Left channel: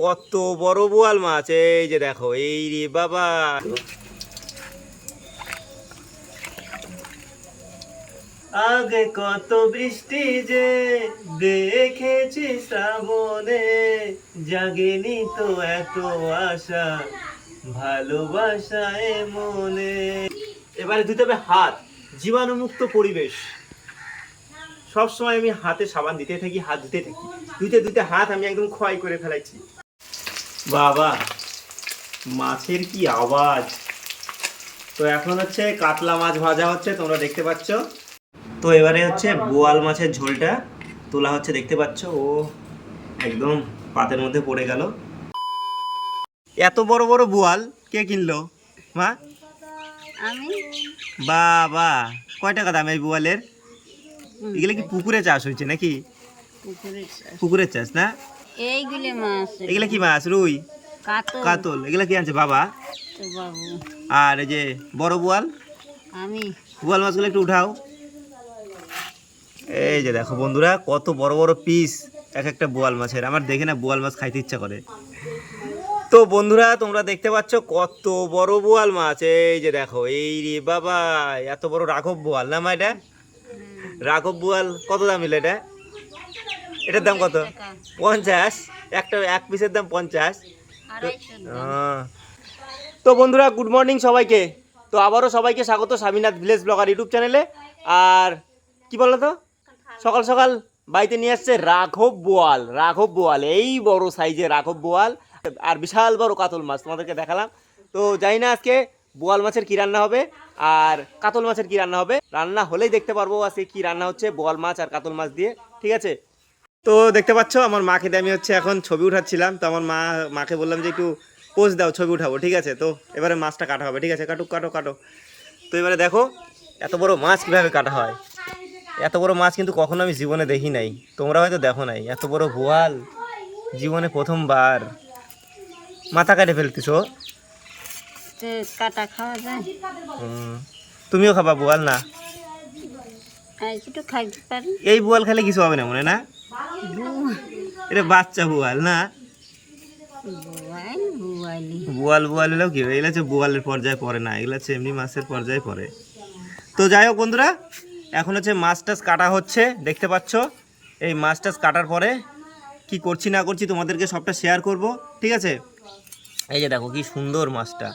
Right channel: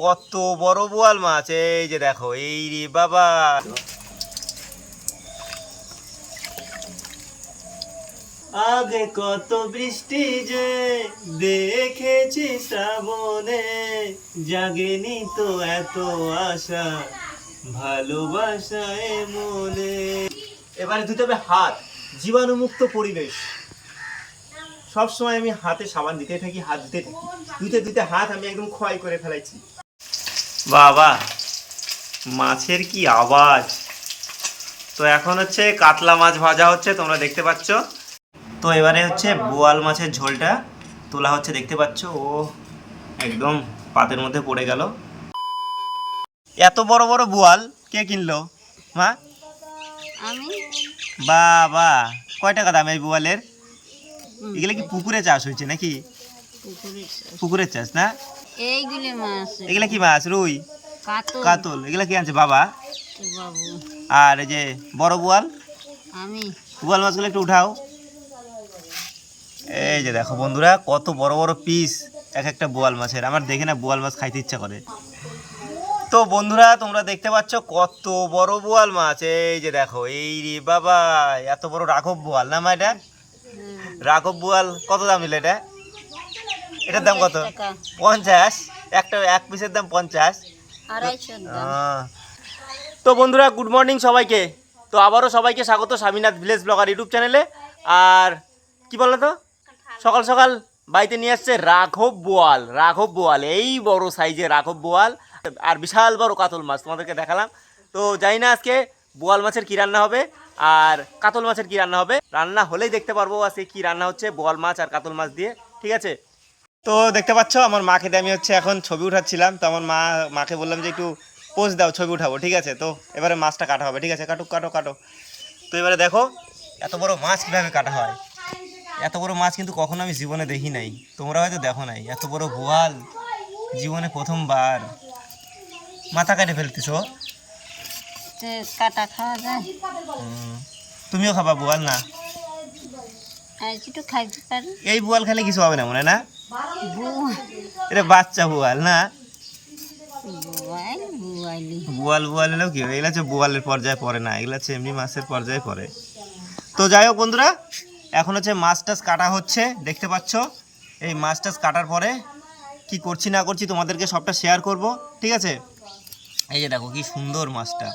কত বড় বোয়াল মাছ, এই যে দেখো, এই রে বাবা। আগে কত বৃষ্টি যে দেখেছি শ্রাবণে, জাগেনি তো এত আশা ভালোবাসায় মনে এবারে ধুতে হবে হাত, জীবাণুমুক্ত পরিবেশ। সবসময় আমি হাতে সাবান দিতে থাকি, হাত ধুতে থাকি। ধুতে ধুতে হাত আমি একদম ক্ষয় করে ফেলাইছি। বাবা মাছের কি আওয়াজ? তো এখন হচ্ছে কাতলা মাছ ভাজা হচ্ছে তোমরা দেখতে পাচ্ছ। তো এবারে হচ্ছে বোয়াল মাছের ঝোলটা তোলা হচ্ছে দেখতে পাচ্ছ? ও একদম পাতের মধ্যে পড়ে গেল। এত বড় বড় বোয়াল কে কিনলো? মা? আমি? বাবা কয় টাকা দাম এই বোয়ালের? এগুলো কি পুকুরে চাষ হয়েছে নাকি? পুকুরের চাষ। পুকুরের চাষ না? এইগুলি মাছ। এগুলা কি মাছ? রুই? কাতল। এগুলা কি আনছে বাবা? আর এই যে বড় বোয়াল? আমি। বোয়াল মাছগুলো একটু উঠাও। এই যে দেখো বন্ধুরা কত বড় বড় পিস এক একটা বোয়াল মাছের। আমার দেখে না বোয়াল মাছ খাইতে ইচ্ছা করে। তো বন্ধুরা তোমরা দেখতে পাচ্ছ কত বড় বোয়াল মাছ। এই যে দেখো এই রে বাবা এত বড় রাঘব বোয়াল না মা এটা? রাঘব বোয়াল কত দাম এটা? এটার দাম কত? পঞ্চাশ একটা এক পিসের দাম পঞ্চাশ। তো বন্ধুরা গুড মর্নিং সবাইকে। তো আবারও সবাইকে স্বাগত স্বামীনাথ ভিলেজ ব্লগার ইউটিউব চ্যানেলে আর কি বলো তো? সকাল সকাল বাড়িতে নিয়ে আসছে রাঘব বোয়াল রাঘব বোয়াল এই বড় সাইজের রাঘব বোয়াল। আর বিশাল বড় কাতল মাছ তোমাদেরকে দেখালাম। তো জানি না আজকে বোয়াল মাছের কি রান্না হবে আর কাতল মাছের কি রান্না হবে। রান্না হলেই দেখতে পারব আজকে কি রান্না হচ্ছে বোয়াল মাছ আর কাতল মাছ দিয়ে ঠিক আছে? তো দেখতে পাচ্ছ আমার মাকে দিয়ে আমি হচ্ছে এখন ছবি উঠাচ্ছিলাম। তো আমার মা মাকে বললাম যে একটু পোজ দাও ছবি উঠাবো ঠিক আছে? তো এবারে মাছটা কাটা হবে ঠিক আছে? কাটুক কাটো কাটো তো এবারে দেখো এত বড় মাছ কীভাবে কাটা হয়? এত বড় মাছ কিন্তু কখনো আমি জীবনে দেখি নাই। তোমরা হয়তো দেখো নাই এত বড় বোয়াল জীবনে প্রথমবার মাথা কাটে ফেলতেছো। তো কাটা খাওয়া যায়। তুমিও খাবা বোয়াল না? এই বোয়াল খেলে কিছু হবে না মনে না? এটা বাচ্চা বোয়াল না? বোয়াল বোয়াল। এলেও কি? এগুলো হচ্ছে বোয়ালের পর্যায়ে পড়ে না এগুলো হচ্ছে এমনি মাছের পর্যায়ে পড়ে। তো যাই হোক বন্ধুরা এখন হচ্ছে মাছ টাছ কাটা হচ্ছে দেখতে পাচ্ছ? এই মাছ টাছ কাটার পরে কি করছি না করছি তোমাদেরকে সবটা শেয়ার করব ঠিক আছে? এই যে দেখো কি সুন্দর মাছটা।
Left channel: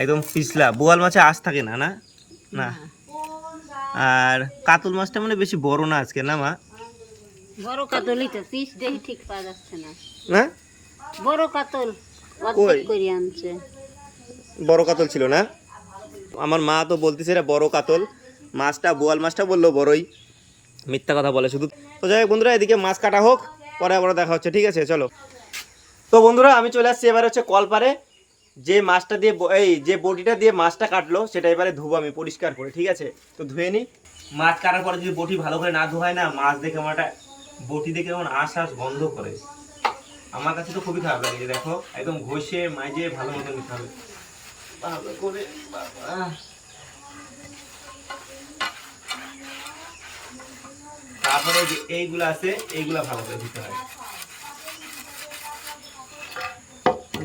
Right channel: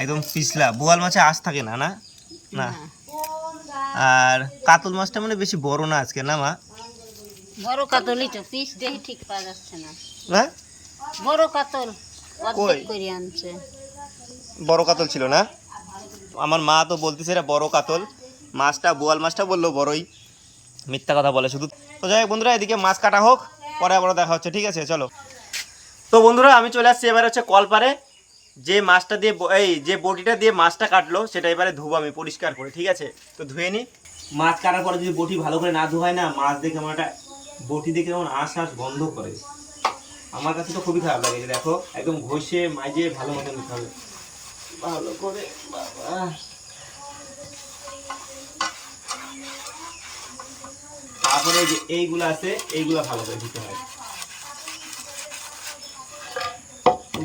একদম পিছলা। বোয়াল মাছে আঁশ থাকে না? না। না। আর কাতল মাছটা মানে বেশি বড় না আজকে না মা? বড় কাতলই তো পিস দেখি ঠিক পাওয়া যাচ্ছে না। না বড় কাতল কই? করে আনছে। বড় কাতল ছিল না? আমার মা তো বলতেছে এটা বড় কাতল। মাছটা বোয়াল মাছটা বলল বড়ই। মিথ্যা কথা বলে শুধু। তো যাই হোক বন্ধুরা এদিকে মাছ কাটা হোক পরে আবার দেখা হচ্ছে ঠিক আছে? চলো। তো বন্ধুরা আমি চলে আসছি এবার হচ্ছে কলপারে। যে মাছটা দিয়ে এই যে বটিটা দিয়ে মাছটা কাটলো সেটা এবারে ধুবো আমি পরিষ্কার করে ঠিক আছে? তো ধুয়ে নি। মাছ কাটার পরে যদি বটি ভালো করে না ধোয় না মাছ দেখে আমার একটা বটি দেখে যেমন আশ আশ গন্ধ করে। আমার কাছে তো খুবই খারাপ লাগে দেখো, একদম ঘষে মাইজে ভালো মতো নিতে হবে। ভালো করে তারপরে যে এইগুলো আছে, এইগুলা ভালো করে দিতে হয়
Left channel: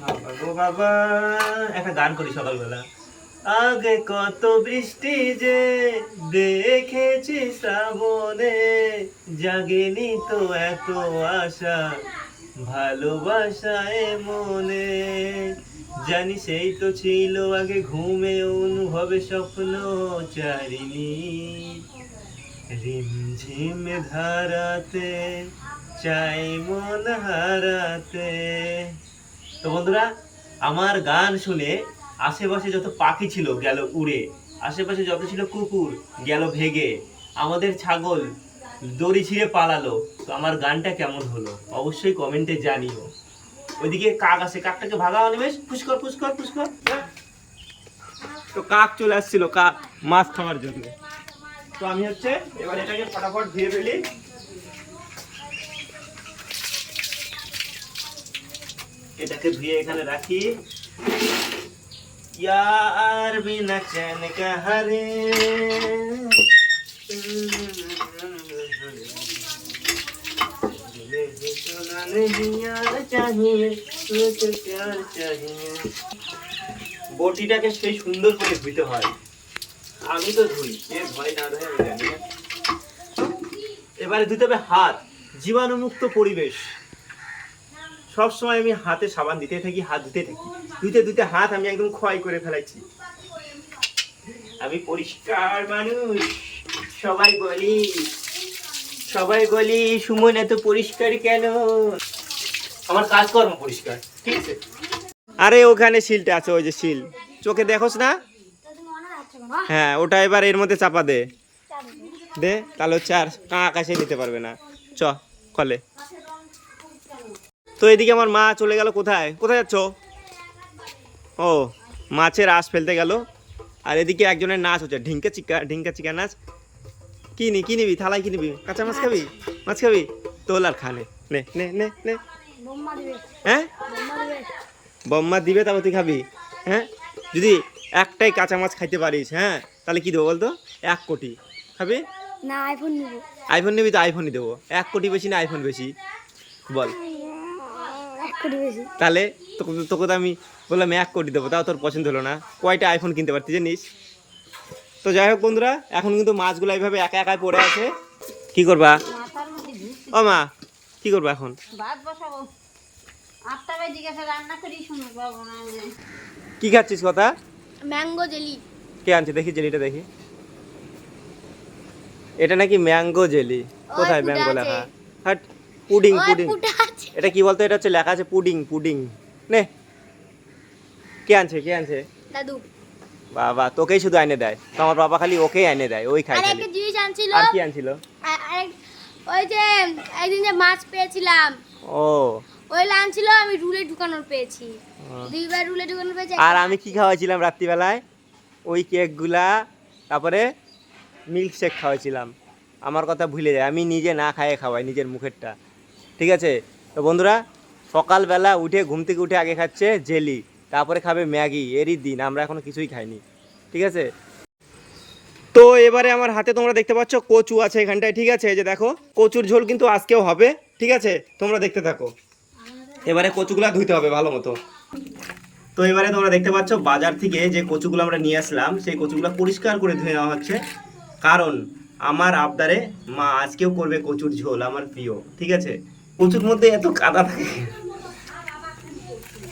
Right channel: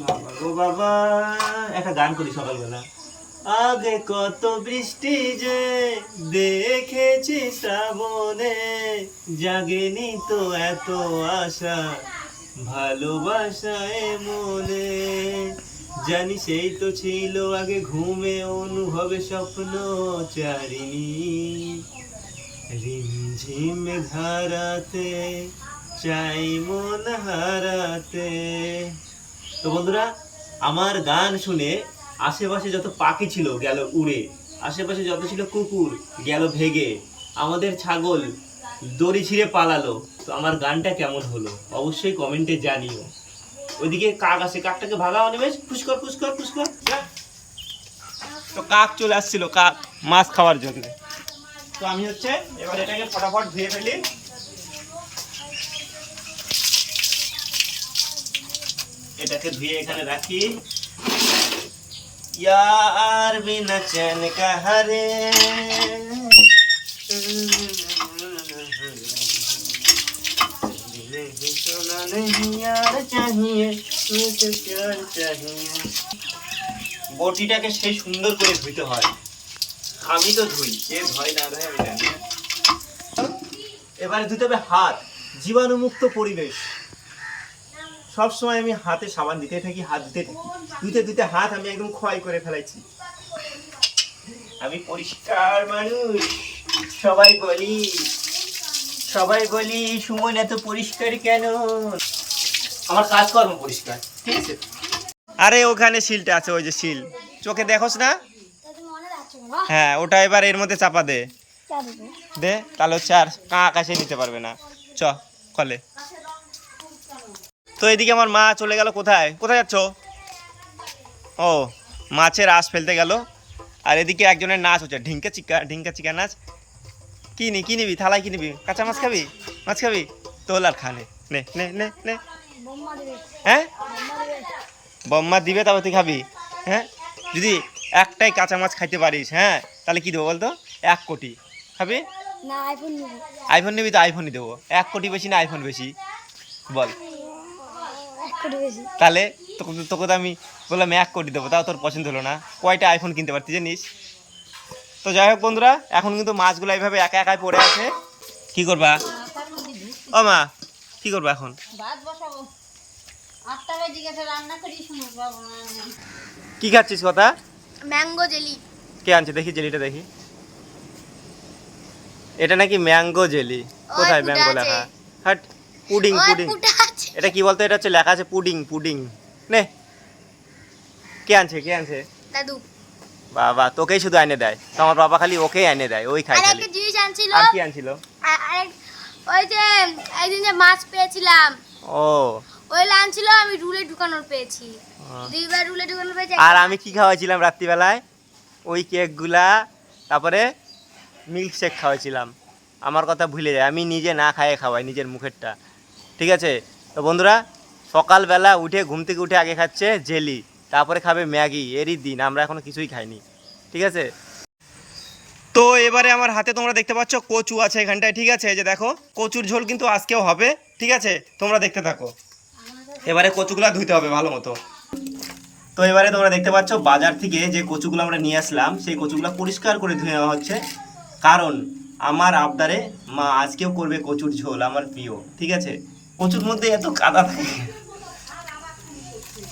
বাবা গো বাবা, একটা গান করি সকালবেলা। আগে কত বৃষ্টি যে দেখেছি শ্রাবণে, জাগেনি তো এত আশা ভালোবাসায় মনে। জানি সেই তো ছিল আগে ঘুমে অনুভবে স্বপ্ন চারিণী। রিমঝিম ধারাতে, চাই মন হারাতে। তো বন্ধুরা, আমার গান শুনে আশেপাশে যত পাখি ছিল গেল উড়ে, আশেপাশে যত ছিল কুকুর গেল ভেগে। আমাদের ছাগল দড়ি ছিঁড়ে পালালো। তো আমার গানটা কেমন হলো? অবশ্যই কমেন্টে জানিও। ওইদিকে কাক আছে, কাকটাকে ভাগাও নিবেশ ফুসকর ফুসকর ফুসকর। তো কাক চলে আসছিল, কাক মাছ খাওয়ার জন্য। তো আমি হচ্ছে এবার এটাকে ফটাফট ধুয়ে ফেলি। এটাকে ধুয়ে এখানে রাখি। यार बिना चैन का हरे বটিটাকে সেই সুন্দর করে ধুইতে হয় আমি তো ধুই কে ধয় না ধয় আমি জানি না এবারে ধুতে হবে হাত জীবাণুমুক্ত পরিবেশ সব সময় আমি হাতে সাবান দিতে থাকি হাত ধুতে থাকি ধুতে ধুতে হাত আমি একদম ক্ষয় করে ফেলাইছি। আমি পরিষ্কার মানুষ সবাই বলি সবাই বলি সুমন এত পরিষ্কার কেন? আমার কাজকর্ম পরিষ্কার ঠিক আছে? আরে ওখানে শিলটা আছে ওই যে শিল। চোখে দেখোস না? হ্যাঁ ওটা এবার এর মধ্যে চাপা দে। দে তাহলে হচ্ছে আর কাঁ আকাশে নিতে পারবে না। চ কলে। তো এদিকে আমার মা চলে গেল কোথায়? কোথায় যাচ্ছ? ও মাছের আশ ফেলতে গেল। আর এদিকে একজনের নাচ হচ্ছে ঢিঙ্কা চিকা ঢিঙ্কা চিকা নাচ। কি নি কি নিবি থালায় কি নিবি? কাঁচা মাছ খাবি? মাছ খাবি? তোল আর খানে নে নে নে। নে হ্যাঁ? বম্মা দিবে। তবে তুই খাবি। হ্যাঁ? যদি একটাই কাঁচা মাছ খাইতে পারিস হ্যাঁ? তাহলে কি দেবো বলতো? এক কোটি। খাবি? না আইফোন নিব। আইফোন নিবি তো আইফোনই দেবো। এক কোটি বেশি না আইফোন বেশি? বল। এক কোটি বেশি। তাহলে তোকে তো- তোকে তো আমি বললাম এক কোটি দেবো তাও তোর পছন্দ হলো না। কয়টা আইফোন কিনতে পারতি জানিস? তো যাই হোক বন্ধুরা এখন কিন্তু মাছগুলো এইভাবে একা একাই পড়ে আছে। কি করবা? ও মা কি করবা এখন? কি খাচ্ছিস কথা? Mango jelly. কে আনছে? দেখি জেলিটা দেখি। এটা নাকি ম্যাঙ্গো জেলি? কোথায় ম্যাঙ্গো লেখা? হাট পুডিং পুডিং। এটা কি বলতো? এটা হচ্ছে লেখা আছে পুডিং পুডিং। নে। কে আনছে কে আনছে? দাদু। বাবা তোকেই শুধু এনে দেয়। তো আমার বাবা খালি ওকেই এনে দেয় ওই খাই খালি। জিনিস আনছিল। আর কি আনছিল? ওই যে একদিন যে মাছ পেয়েছিলাম। ও। ওই আনছিল আমি রুলে ঢুকানোর পেয়েছি। দুইবার রুলে ঢুকানোর পেয়েছি আর আমি কি খাওয়াইছিলাম রাত্রিবেলায়? ওই কেকগুলা তারপরে মিল্ক শেক খাওয়াইছিলাম। আমার কথা ভুলে যায় আমি নিজে না খাইয়ে খাওয়াই নিজের মুখেরটা। ঠিক আছে? তো বন্ধুরা সকালবেলা উঠে ঘুম থেকে উঠে আগে খাচ্ছে জেলি, তারপরে খাবে ম্যাগি, এরই দিন, আমরা এখনও কিছুই খাইনি। ঠিক আছে? তো এবারে আমার হাতে তোমরা দেখতে পাচ্ছ কচু আছে এখানটায়, ঠিক আছে? যে দেখো, কচুর ঝোল কিন্তু আজকেও হবে, ঠিক আছে? তোমরা দেখতে থাকো। এবারে কচুগুলা ধুইতে হবে ভালো মতো। তো এবারে তোমরা দেখতে পাচ্ছ বাজার থেকে যে কচুগুলো আমরা নিয়ে আসলাম, সেই কচুগুলো পরিষ্কার করে ধুয়ে নেওয়া হচ্ছে। কারণ আমার আবদারে মা আজকেও করবে কচুর ঝোল, আমার প্রিয়, ঠিক আছে? কচুর মধ্যে এত কাদা থাকে।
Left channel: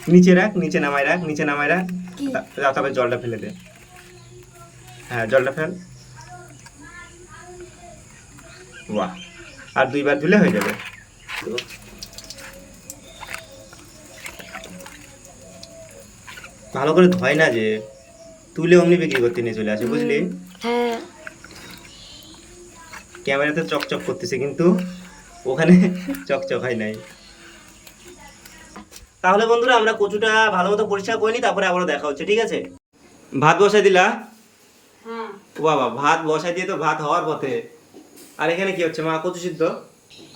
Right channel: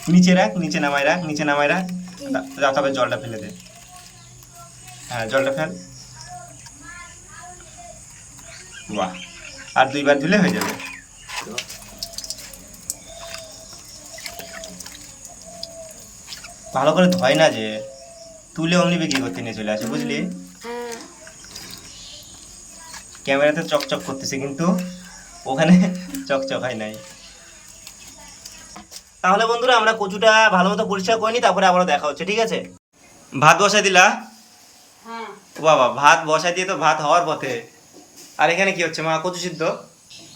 নিচে রাখ নিচে নামাই রাখ নিচে নামাই রাখ। তারপরে জলটা ফেলে দে। হ্যাঁ জলটা ফেল। বাহ। আর দুইবার ধুলে হয়ে যাবে। ভালো করে ধয় না যে তুলে অমনি বিক্রি করতে নিয়ে চলে আসে বুঝলি? হ্যাঁ। ক্যামেরাতে চকচক করতেছে কিন্তু ওখানে চকচক হয় নাই। তাহলে বন্ধুরা আমরা কচুটা ভালো মতো পরিষ্কার করে নিই তারপরে আবার দেখা হচ্ছে ঠিক আছে? ভাত বসাই দিলা? হ্যাঁ। ও বাবা ভাত বসাই দিয়ে তো ভাত হওয়ার পথে। আর এখানে কি হচ্ছে মা? কচু সিদ্ধ?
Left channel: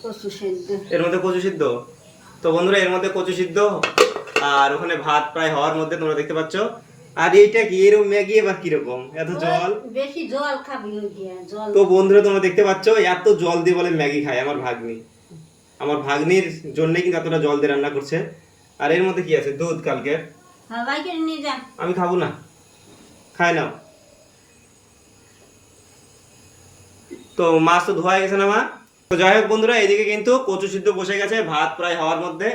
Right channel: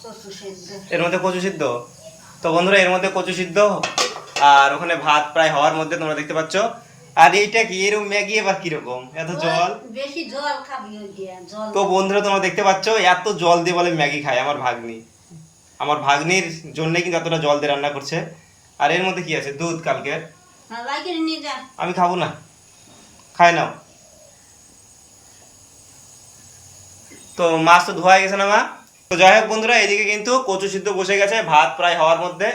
কচু সেদ্ধ। এর মধ্যে কচু সিদ্ধ? তো বন্ধুরা এর মধ্যে কচু সিদ্ধ আর ওখানে ভাত প্রায় হওয়ার মধ্যে তোমরা দেখতে পাচ্ছ। আর এইটা কি? এরকম ম্যাগি এবার কীরকম? এত জল? বেশি জল খাবি ওই দিয়ে জল। তো বন্ধুরা তোমরা দেখতে পাচ্ছ এত জল দিয়ে বলে ম্যাগি খায় আমার ভাগ্নি। আমার ভাগ্নির জন্যই কিন্তু এতটা জল দিয়ে রান্না করছে। আর এর মধ্যে কি আছে? দুধ কালকের। হ্যাঁ, আমি খাব না। খাই নাও। তো মাছ তো ধোয়া গেছে না মা? তো যাই হোক বন্ধুরা এদিকে কিন্তু কচু সিদ্ধ বসে গেছে ভাত প্রায় হওয়ার মধ্যে।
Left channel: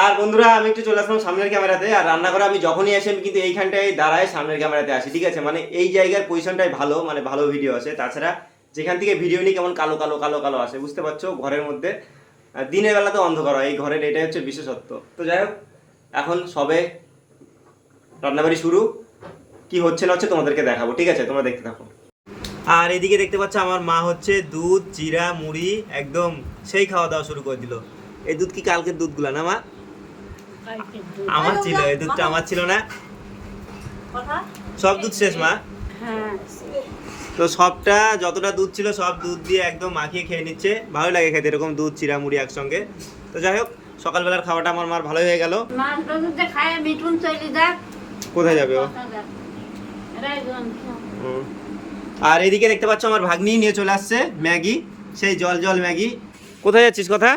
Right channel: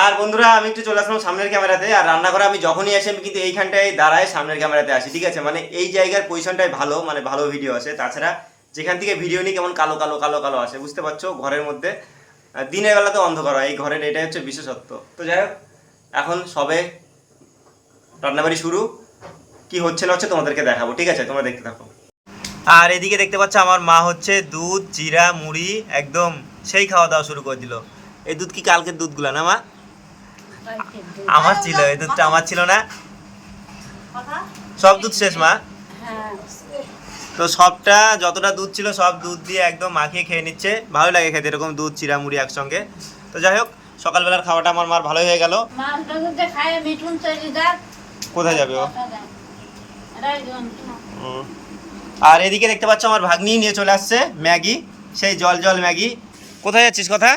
আর বন্ধুরা আমি একটু চলে আসলাম সামনের ক্যামেরাতে আর রান্না করে আমি যখনই আসি আমি কিন্তু এইখানটায় দাঁড়ায় সামনের ক্যামেরাতে আসি ঠিক আছে? মানে এই জায়গার পজিশনটাই ভালো মানে ভালো ভিডিও আছে। তাছাড়া যেখান থেকে ভিডিও নিই কেমন কালো কালো কালো কালো আসে বুঝতে পারছ? ঘরের মধ্যে। দিনের বেলাতে অন্ধকার হয় এই ঘরের এটাই হচ্ছে বিশেষত্ব। তো যাই হোক এখন সবে রান্নাবাড়ি শুরু। কি হচ্ছে না হচ্ছে তোমাদেরকে দেখাবো ঠিক আছে? তোমরা দেখতে থাকো। আর এদিকে দেখতে পাচ্ছ আমার মা হচ্ছে দুধ জিরা মুড়ি একদম সেই খাওয়া দাওয়া শুরু করে দিল। এই দুধ কি কালকের দুধগুলা না মা? আমার ছিল এই দুধটা আমার ছিল না। সব দুধ শেষ মা? হ্যাঁ। তো সবটা যতটা দুধ ছিল সব দুধ দিয়ে একদম মাখিয়ে খেয়ে নিচ্ছে। ভালো লাগে খেতে এরকম দুধ চিরা মুড়ি একসঙ্গে। তো যাই হোক সকালবেলার খাওয়াটা আমার মার ভালোই হয়ে গেল। কোথায় যাবে ও। আর এদিকে দেখতে পাচ্ছ আমার ভাগ্নি নিয়ে চলে আসছে ম্যাগি। সেই জল জল ম্যাগি। কোথায় যাচ্ছিস কথা?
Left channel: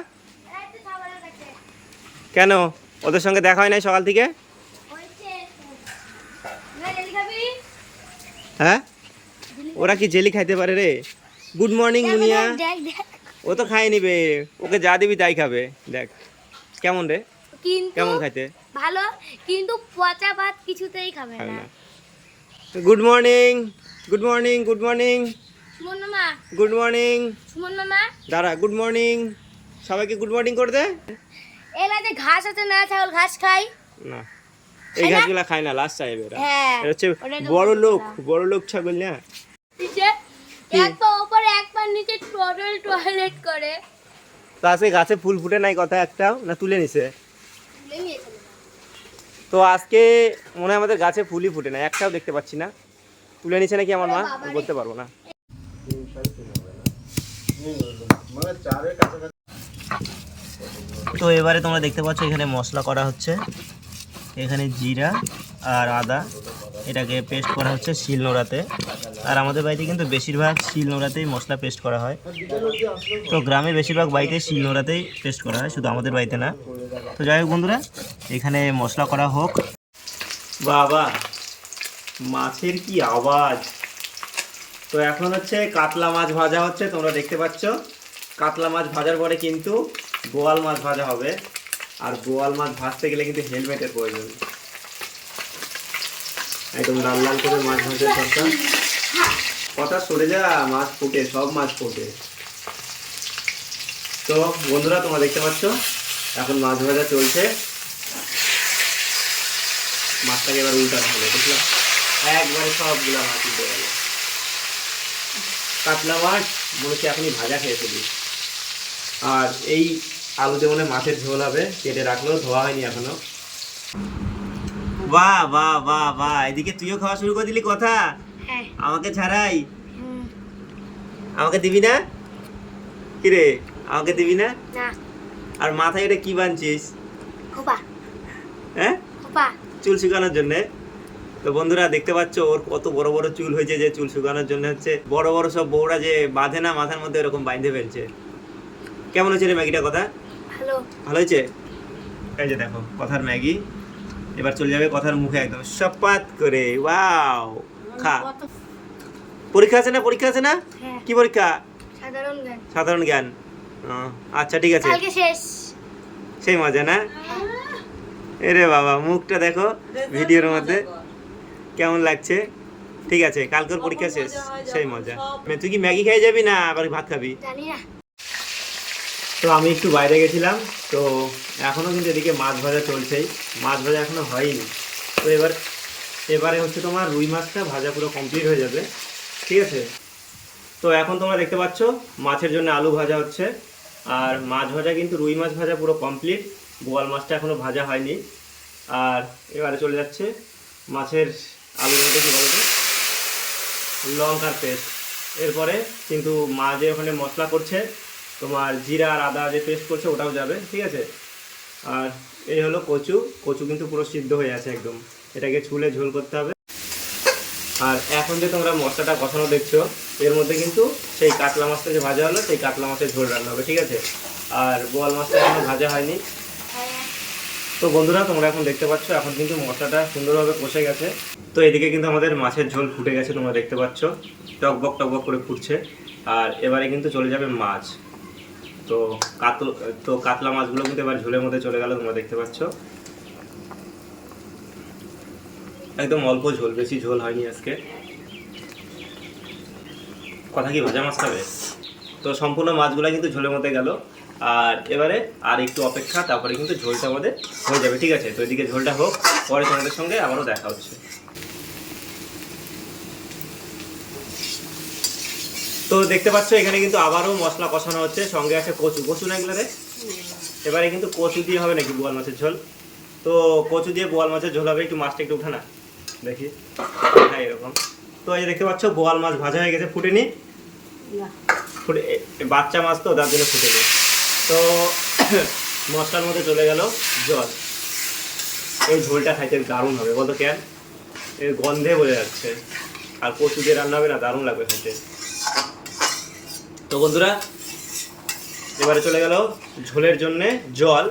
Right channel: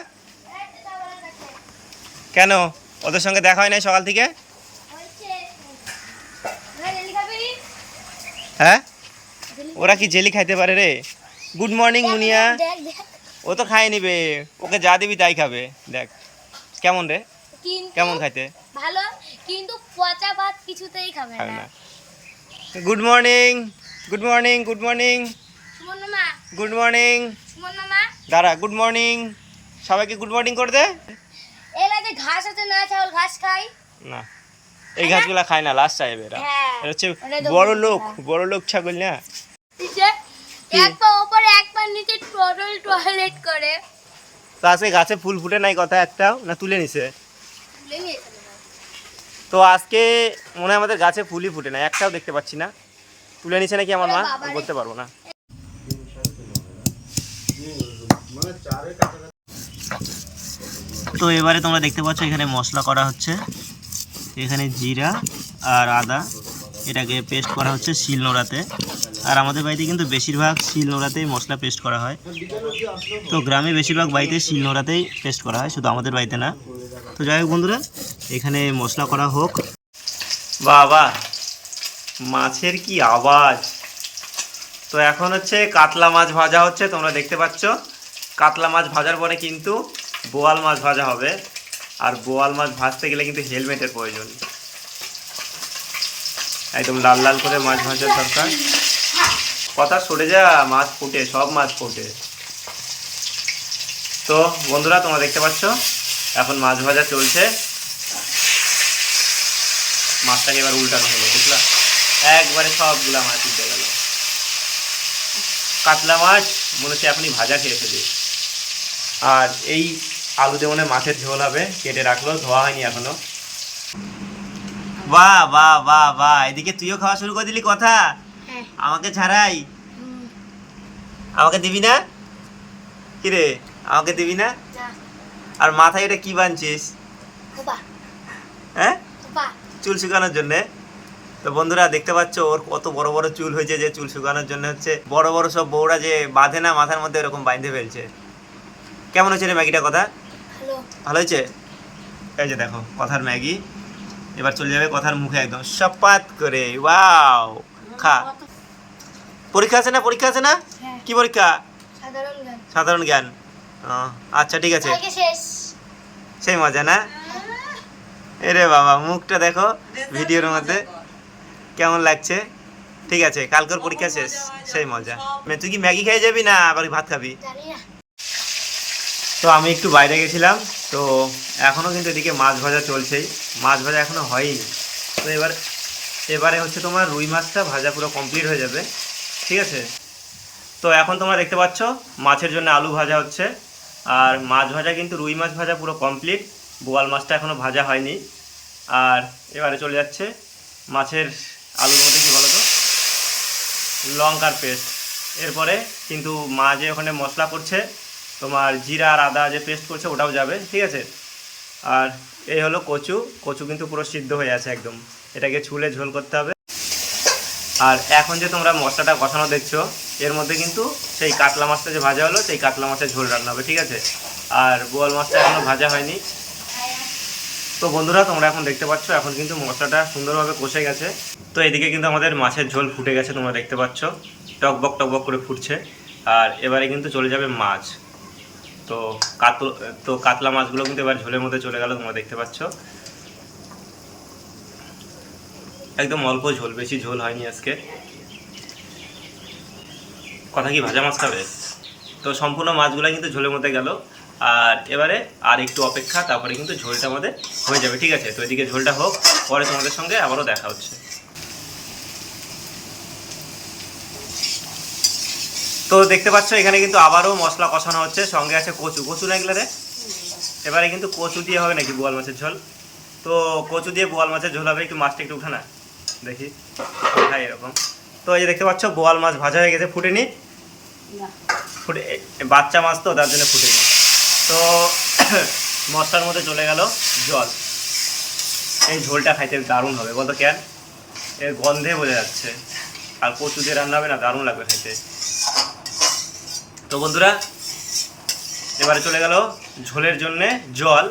কেন? ওদের সঙ্গে দেখা হয় নাই সকাল থেকে? হ্যাঁ? ওরা কি জেলি খাইতে পারে রে? গুড মর্নিং মুনিয়া। ও তো খাই নিবে। ওকে যা দিবি তাই খাবে। দেখ কেমন রে? কেমন খাইতে? ভালো কিন্তু পচা ভাত কিছুতেই খাবে না। Good morning good morning good morning Suman মামা। গুড মর্নিং সুমন মামা। দাঁড়া গুড মর্নিং সবাইকে গুড মর্নিং করে দে। এলা যে ঘাস আছে না ছাগল ঘাস খাই না। এই ঘাসগুলা খায় না লাস্ট চাইবে এরা। হ্যাঁ এরা হচ্ছে বড় লোক। বড় লোক ছাগল না? এক পা ওপরে এক পা নিচে টোটাল টয়লেট করে। তো আজকে গাছে ফুল ফুটে নাই কথা একটাও? না তুলে নিছে। তো আজকে মনে হয় আমাদের গাছে ফুলই ফুটে না একটাও দেখতে পাচ্ছি না। তুলে নিছে নাকি আমার মা? বলতে পারব না। তো এবারে তোমরা দেখতে পাচ্ছ এখানে মশলা করা হচ্ছে। এখানে জিরা আর আদা। এটাকে পেস্ট করা হচ্ছে শিল নোড়াতে আর আমাদের বাড়িতে কিন্তু বেশিরভাগ শিল নোড়াতেই মশলা পেস্ট করা হয়। তো গ্রামে বেশিরভাগ বাড়িতে শিল নোড়াতেই পেস্ট করা হয়, শুধু আমাদের বাড়িতে না। তো যাই হোক বন্ধুরা, এখানে মশলা করা হোক। বাবা, মাছের কি আওয়াজ? তো এখন হচ্ছে কাতলা মাছ ভাজা হচ্ছে, তোমরা দেখতে পাচ্ছ। কাতলা মাছ ভাজার পরে কিন্তু বোয়াল মাছ ভাজা হবে। আর বোয়াল মাছ ভাজতে গেলে কিন্তু হেলমেটের প্রয়োজন। একদম লাল লাল করে মাছ ভাজার দরকার। কথা সরে যা, মাছ ফুটে, সব মাছ ফুটে। তো, বন্ধুরা, তোমরা দেখতে পাচ্ছ? এখন মাছ ভাজা চলছে। মাছটাকে এবার উল্টানো হলো, বুঝলা? একবারে সবগুলা মাছ উল্টে গেল। কাতলা মাছ, মনে হচ্ছে এখনই ভাজা খেয়ে ফেলি। আর এই আলুতে মনে মাছের ঝোল হবে, কেটে রাখল, ধোয়া হয়নি এখনও। বাহ বাহ বাহ বাহ, এদিকে তুইও খাওয়া শুরু করে দিলি কথা। আমাকে ছাড়াই? আমাকে দিবি না? কিরে? আমাকে দিবি না? আর মাথায় এটা কি বানছিস? হ্যাঁ? চুল শুকানোর জন্যে। তো বন্ধুরা দেখতে পাচ্ছ ওর কত বড় বড় চুল হয়েছে যে চুল শুকানোর জন্য হচ্ছে। বড় বড় সব বউরা যে বাঁধে না মাথার মধ্যে এরকম বাঁধে ফেলছে। কেমন হচ্ছে রে ম্যাগিটা কথা? ভালো। ভালো হয়েছে? এই যে দেখো কথার ম্যাগি। এবার চলে যাবে কথার মুখে একদম সপাত করে। ওয়াও! খা। পরীক্ষা আছে না পরীক্ষা আছে না? হ্যাঁ। কি পরীক্ষা? সাধারণ গান সাধারণ জ্ঞান। ও, আচ্ছা ঠিক আছে। কালকে শেষ। সেই মজা না? এরে বাবা মুখটা দেখো ভিডিওর মধ্যে। কেমন লাগছে? ঠিক আছে কালকের পরীক্ষা শেষ। সেই মজা। মানে তুই কি ম্যাগি খেয়ে যাবি না আবার ভাত খাবি? জানি না। তো আমি একটু বাইরে গেছিলাম তো এখনও কিন্তু এদিকে মাছ ভাজা চলছেই। মাছ ভাজা এখনও হয়নি তো এবার এবারে হচ্ছে তোমার রুই মাছটা ভাজা পুরো কমপ্লিট হয়ে যাবে, ঠিক আছে? তো এখন তোমরা দেখতে পাচ্ছ, মাছের জন্য আলু ভাজা হচ্ছে, আর মাছ ভাজা কিন্তু রুই মাছ ভাজা পুরো কমপ্লিট বোয়াল মাছটা এখনও ভাজা হয়নি। আর এবারে চলে যাচ্ছে মাছের আলুর মধ্যে কী বলো তো লঙ্কার পেস্ট। এরপরে কিন্তু মা যে ওখানে মশলা করছে, তোমার জিরা আর আদা যে পেস্ট করছে ওটাও যাবে, ঠিক আছে? আর এই হলো কচু কচু কিন্তু পুরো সিদ্ধ হয়ে আছে একদম। এটাকে ছুলে ঝোল করতে হবে। আর এখন যে তোমরা মশলাটা কষানো দেখছ, এর মধ্যে কিন্তু সেই কাতলা মাছটা যে ভাজা হলো, সেই কাতলা মাছের ঝোল রান্না হবে, ঠিক আছে? আর বোয়াল মাছটা এখনও ভাজা হয়নি। তো বন্ধুরা, তোমরা এখন দেখতে পাচ্ছ, এখন কিন্তু মশলাটা সুন্দরভাবে কষে গেছে। তো এদিকে কিন্তু আমাদের মাছের ঝোল ফুটে গেছে, তোমরা দেখতে পাচ্ছ। টকবক টকবক করে ফুটছে। আর এবারে কিন্তু চলে যাবে মাছ। তো কাতল তো কাতলা মাছগুলো কিন্তু এবার ঝোলের মধ্যে চলে গেল, তোমরা দেখতে পাচ্ছ। একদম অল্প ঝোল, বেশি ঝোল হয়নি আজকে। কথা কি ভাজা মাছ খাবে? তো সম্পূর্ণ মাছগুলো কিন্তু ঝোলের মধ্যে গেল। আর এবারে আর একটু অপেক্ষা, তারপরে কিন্তু ঝোলটা আমাদের হয়ে যাবে, ঠিক আছে? তো এদিকে ঝোলটা হোক, পরে তোমাদের সঙ্গে আবারও দেখা হচ্ছে। তো দেখতে পাচ্ছ, এখানে কিন্তু আবারও মশলা কষানো হচ্ছে, সঙ্গে আছে কচু। কচু না এগুলো রে এবারে কিন্তু কচু দিয়ে হবে নাকি বোয়াল মাছের ঝোল? তো কচু দিয়ে বোয়াল মাছের ঝোল হবে, একটু মাছটা একটু উঠা না দেখি হ্যাঁ এরকম। তো এই যে দেখতে পাচ্ছ বোয়াল মাছ ভাজা হয়ে গেছে ফুটেনি। ফুটে বাচ্চা মাছ তো তার জন্য ফুটেনি। তো মশলার মধ্যে চলে গেল জল। এই ঝোলটা খাইতে দারুণ হবে বলতো কেন? এর গন্ধে বোঝা যাচ্ছে। আর কচু দিয়ে রান্না হবে না দারুণ লাগবে খাইতে। তো বন্ধুরা এবারে চলে গেল ঝোলের জন্যে জল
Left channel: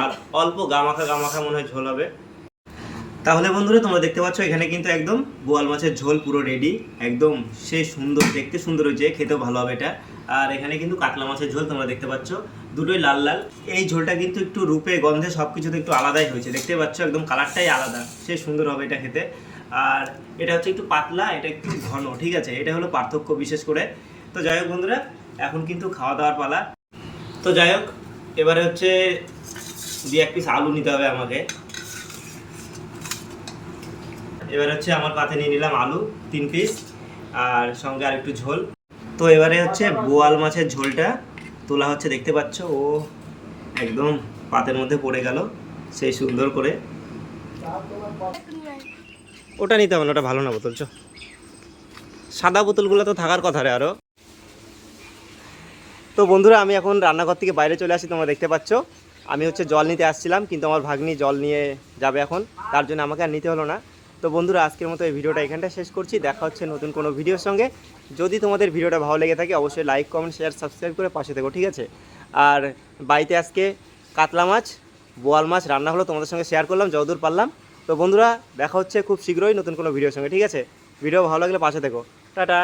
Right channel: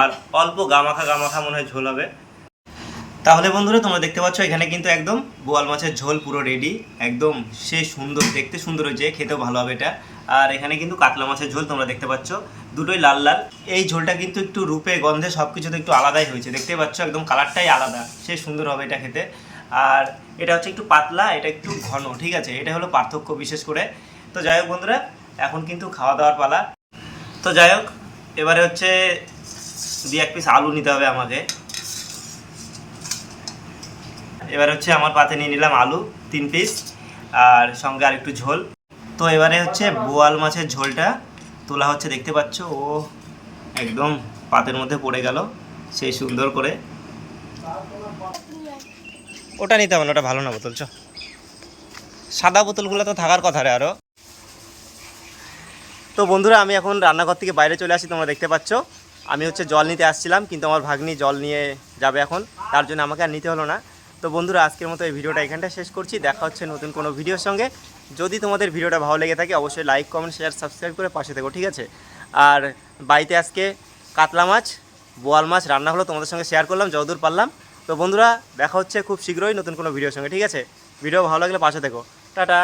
আর অল্প গামাখা গামাখা মনে হয় ঝোল হবে। তাহলে বন্ধুরা, তোমরা দেখতে পাচ্ছ এখানে কিন্তু একদম বোয়াল মাছের ঝোল পুরো রেডি একদম সে সুন্দর, দেখতে সুন্দর হয়েছে, খেতেও ভালো হবে এটা। আর এখানে কিন্তু কাতলা মাছের ঝোল তোমরা দেখতে পাচ্ছ, দুটোই লাল লাল। এই ঝোলটা কিন্তু একটু রূপে, গন্ধে সব কিছুতে একটু আলাদাই হয়েছে। দেখতে পাচ্ছ একদম কালারটাই আলাদা, সে সুন্দর হবে এটা খেতে। আর এটা হচ্ছে একটু পাতলা, এটা একটু ঘন, ঠিক আছে? এটা হলো পার্থক্য বিশেষ করে। তো যাই হোক বন্ধুরা, এখন কিন্তু খাওয়া দাওয়ার পালা। তো যাই হোক, এবারে হচ্ছে দু এক পিস আলু নিতে হবে আমাকে। এবার হচ্ছে আমার পাতে নিয়ে নিলাম আলু, তিন পিস আর সঙ্গে আর একটু ঝোল। তো এবারে হচ্ছে বোয়াল মাছের ঝোলটা তোলা হচ্ছে, দেখতে পাচ্ছ? ও একদম পাতের মধ্যে পড়ে গেল, সেই সুন্দর করে। ওটা নিতে হবে ওটা ভালো না বোতল, চ। সাদা বোতলগুলো তো থাকার কথা রে আরও তো বন্ধুরা, আমি এখন রান্নাঘর থেকে বাইরে চলে আসি, তোমরা দেখতে পাচ্ছ। আমি হচ্ছে জল নিতে আসছিলাম, কিন্তু আমার ভাগ্নি জল নিয়ে যাবে এখন। তার জন্য আমাকে আর নিতে হলো না। তো বন্ধুরা, আজকের মতো এই ভিডিওটা এখানটা শেষ করছি। দেখা হচ্ছে নতুন কোনো ভিডিওর সঙ্গে। যদি তোমাদের ভিডিওটা ভালো লেগে থাকে, অবশ্যই লাইক কমেন্ট শেয়ার সাবস্ক্রাইব করে পাশে থেকো, ঠিক আছে? আর বাড়িতে আজকে কাতলা মাছ, বোয়াল মাছ রান্না হলো, তোমাদের সঙ্গে শেয়ার করলাম, যতদূর পারলাম। তো বন্ধুরা, দেখা হচ্ছে খুব শীঘ্রই নতুন কোনো ভিডিওর সঙ্গে, ঠিক আছে? ভিডিও ভালো লাগলে পাশে থেকো। টাটা!